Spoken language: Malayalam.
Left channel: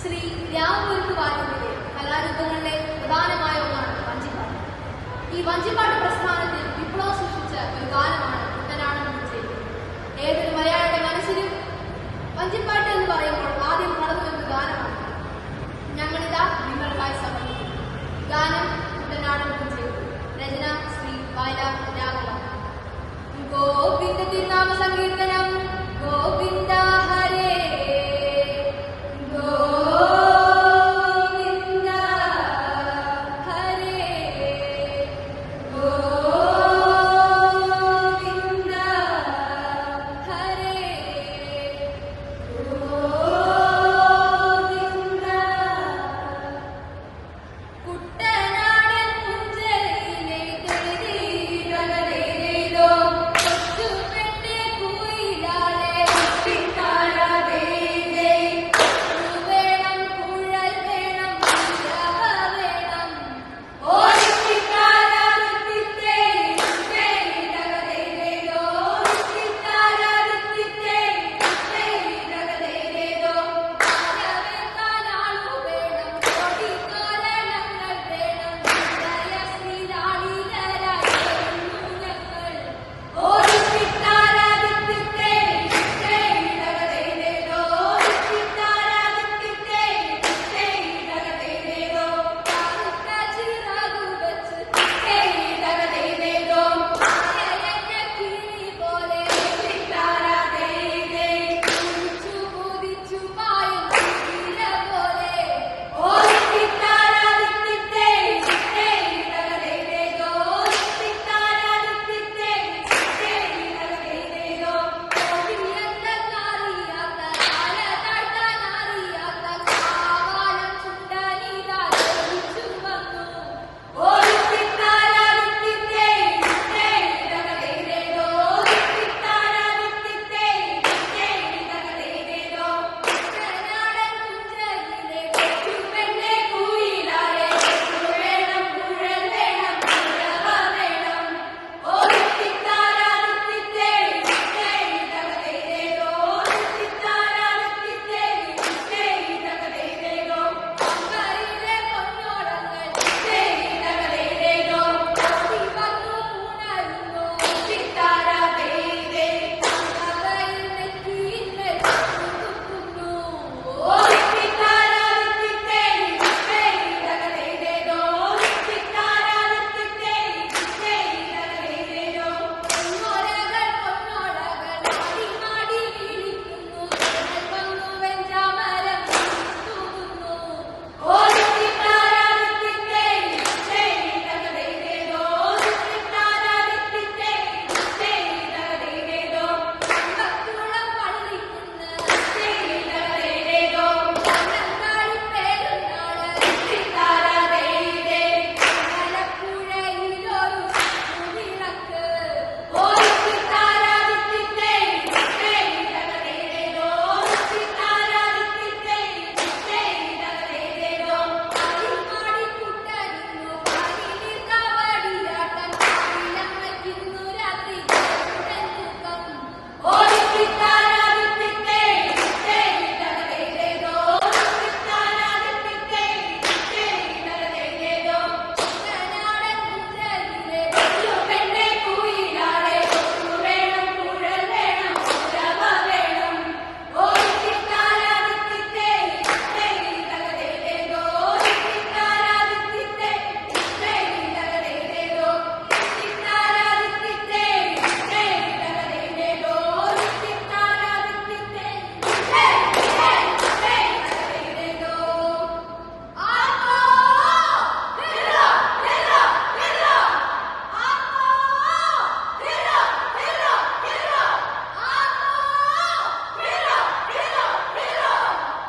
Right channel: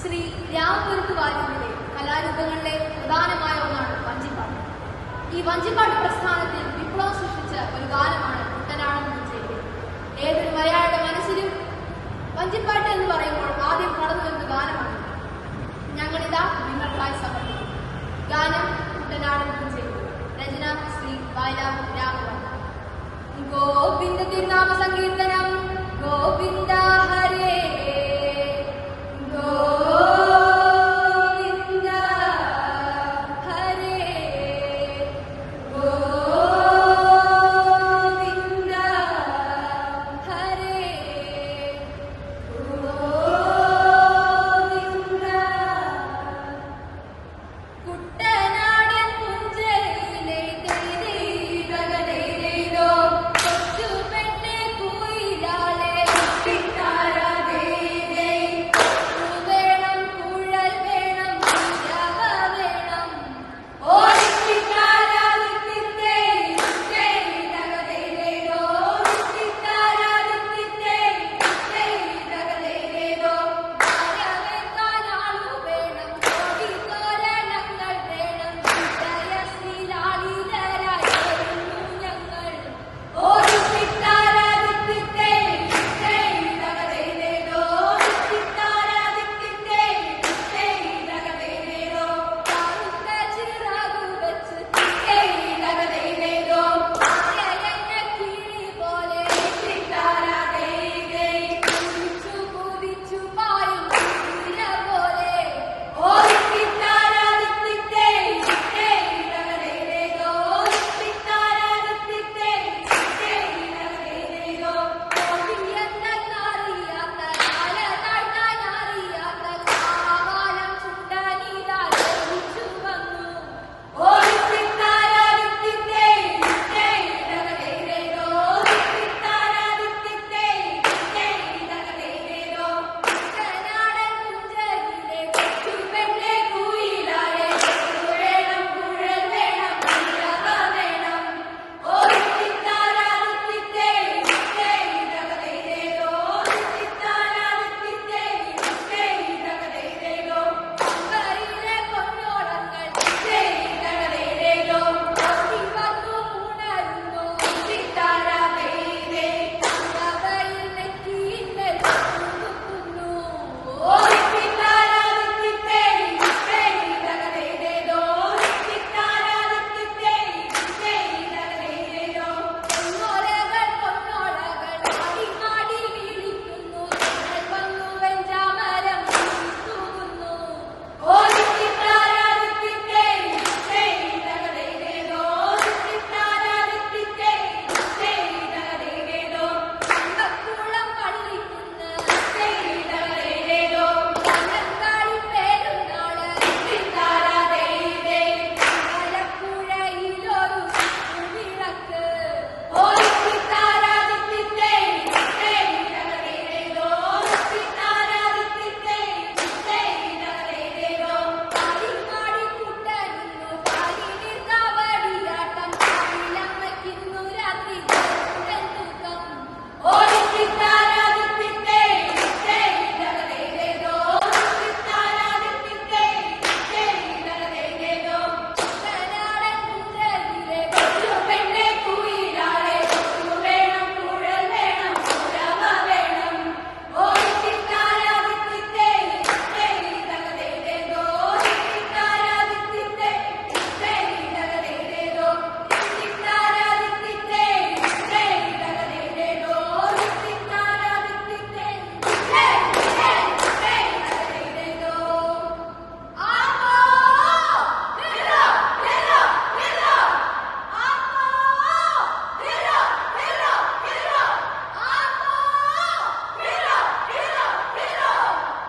ശ്രീ രാമപുരത്ത് വാര്യത്തിലെ കലാരൂപങ്ങളിലെ പ്രധാനമായ ഒന്നാണ് വഞ്ചിപ്പാട്ട്. ഈ വഞ്ചിപ്പാട്ട് പ്രസ്ഥാനത്തിൽ വിപ്ലവം സൃഷ്ടിച്ച ഒരു ഗാനമാണ് കുട്ടനാടൻ വിജയം ഏതൊരു മലയാളിയുടെ മനസ്സിലും വഞ്ചിപ്പാട്ട് എന്ന് പറയുമ്പോൾ ആദ്യം കടന്നു വരുന്ന ഗാനമാണ് ഞങ്ങളിതാ നിങ്ങൾക്കായി സമർപ്പിക്കും ഗാനം കുട്ടനാടൻ ചെയ്തു രചന ശ്രീ വയലാർ രാഘവൻ. ഗോവിന്ദ തിരുനാമ സംഗീത